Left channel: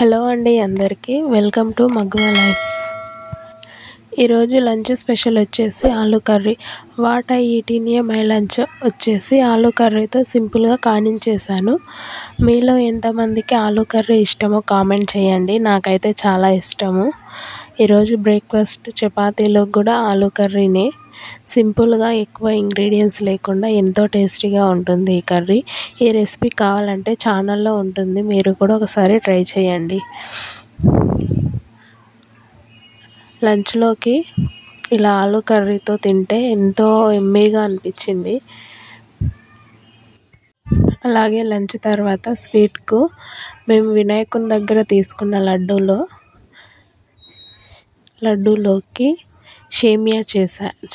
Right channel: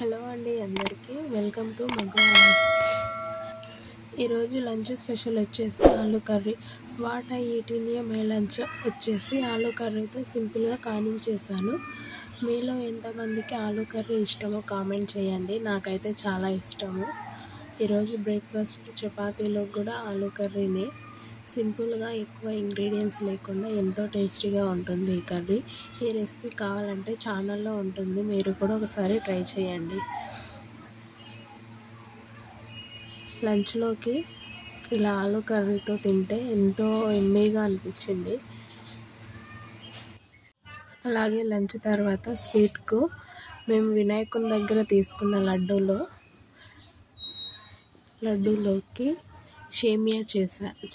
Hello అండి అందరికీ welcome to మగ్వా life. ఈరోజు లంచ్ స్పెషల్ వచ్చేసి aloo curry. What I eat in a my lunch వచ్చేసి ఆలూ కర్రీతో సింపుల్గా కానించేసాను. మీలో ఎంతమందికి ఆలూ కర్రీ ఇష్టమో కామెంట్ చేయండి. నాకైతే చాలా ఇష్టము. ఈరోజు బ్రేక్ఫాస్ట్ చపాతీలోకి కూడా ఆలూ కర్రీనే. సింపుల్గా ఎక్కువ ఇంగ్రీడియంట్స్ లేకుండా ఎంతో టేస్టీగా ఉంటుంది ఈ కర్రీ. ఈ రెసిపీ కావాలంటే ఛానల్లో ఉంటుంది, మీరు కూడా ఒకసారి ట్రై చేయండి. లంచ్లోకి ఇలా ఆలూ కర్రీతో తింటే ఎంతో యమ్మీగా అనిపించింది. అలాగే లంచ్ తర్వాత స్వీట్కు మేము వినాయకుని దగ్గర తీసుకున్న లడ్డూలోకి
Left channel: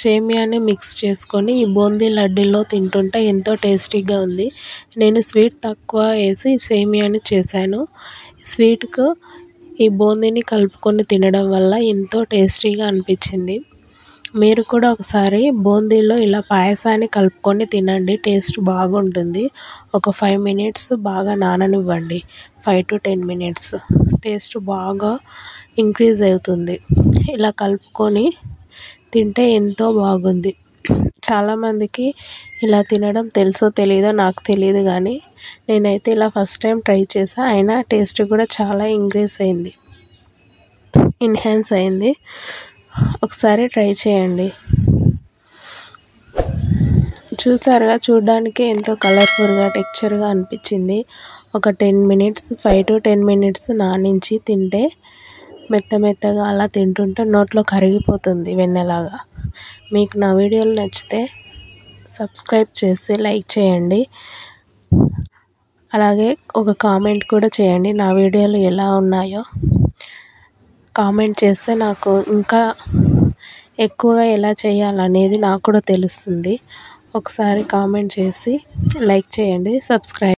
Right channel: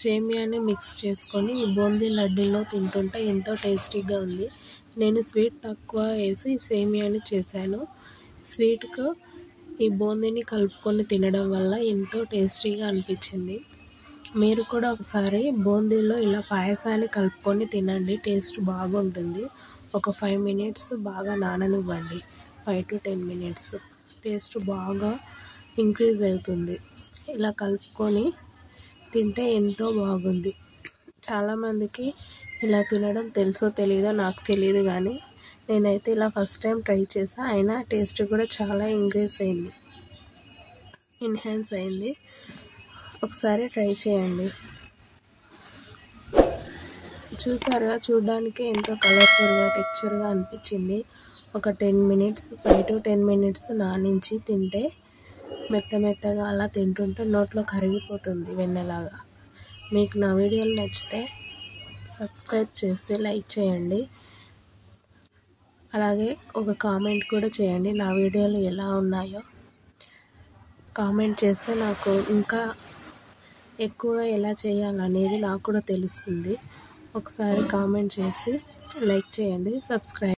సేమియాని మిక్స్ చేసుకొని ఈ బూందీ లడ్డూలో తింటుంటే ఎంతో టేస్టీగా ఉంది. నేను స్వీట్ తక్కువ వేసి సేమియాని చేశాను. స్వీట్కు ఈ బూందీని కలుపుకొని తినడం వల్ల ఎంతో టేస్టీగా అనిపించింది. మీరు కూడా ఒకసారి బూందీలో ఇలా పాయసాన్ని కలుపుకొని తినండి, టేస్ట్ బాగుంటుంది. ఒక 5 minutes బాగా నాననివ్వండి. 5 to 10 minutes టేస్ట్ బాగా ఇంక్రీజ్ అవుతుంది. ఇలా కలుపుకొని తింటే ఎంతో బాగుంది. చాలామందికి ఇలా తినడం తెలుసో తెలీదో నాకు తెలియదు, కానీ నేనైతే ఇలా ఫస్ట్ టైం ట్రై చేసా. అయినా టేస్ట్ కూడా చాలా ఎన్హాన్స్ అయింది. ఒకసారి ట్రై చేయండి. చూసారుగా, చూడడానికి ఎంతో కలర్ఫుల్గా టెక్స్చర్గా అనిపించింది. ఒక 10 minutes 5 to 10 minutes నానించి తింటే మెత్తగా అలా తింటుంటే నోట్లో కరిగిపోతుంది వెన్నలాగా. మీకు నా వీడియోలు నచ్చితే సబ్స్క్రైబ్ చేసి లైక్ చేయండి. అలాగే ఒక కామెంట్ కూడా చేయండి, నా వీడియోలు ఎలా ఉన్నాయో కామెంట్ చేస్తే నాకు ఇంకా ఎక్కువగా ఎలా చేయాలనేది నాకు కూడా తెలుస్తుంది. ఒకసారి కామెంట్ చేసి లైక్ చేయండి, సబ్స్క్రైబ్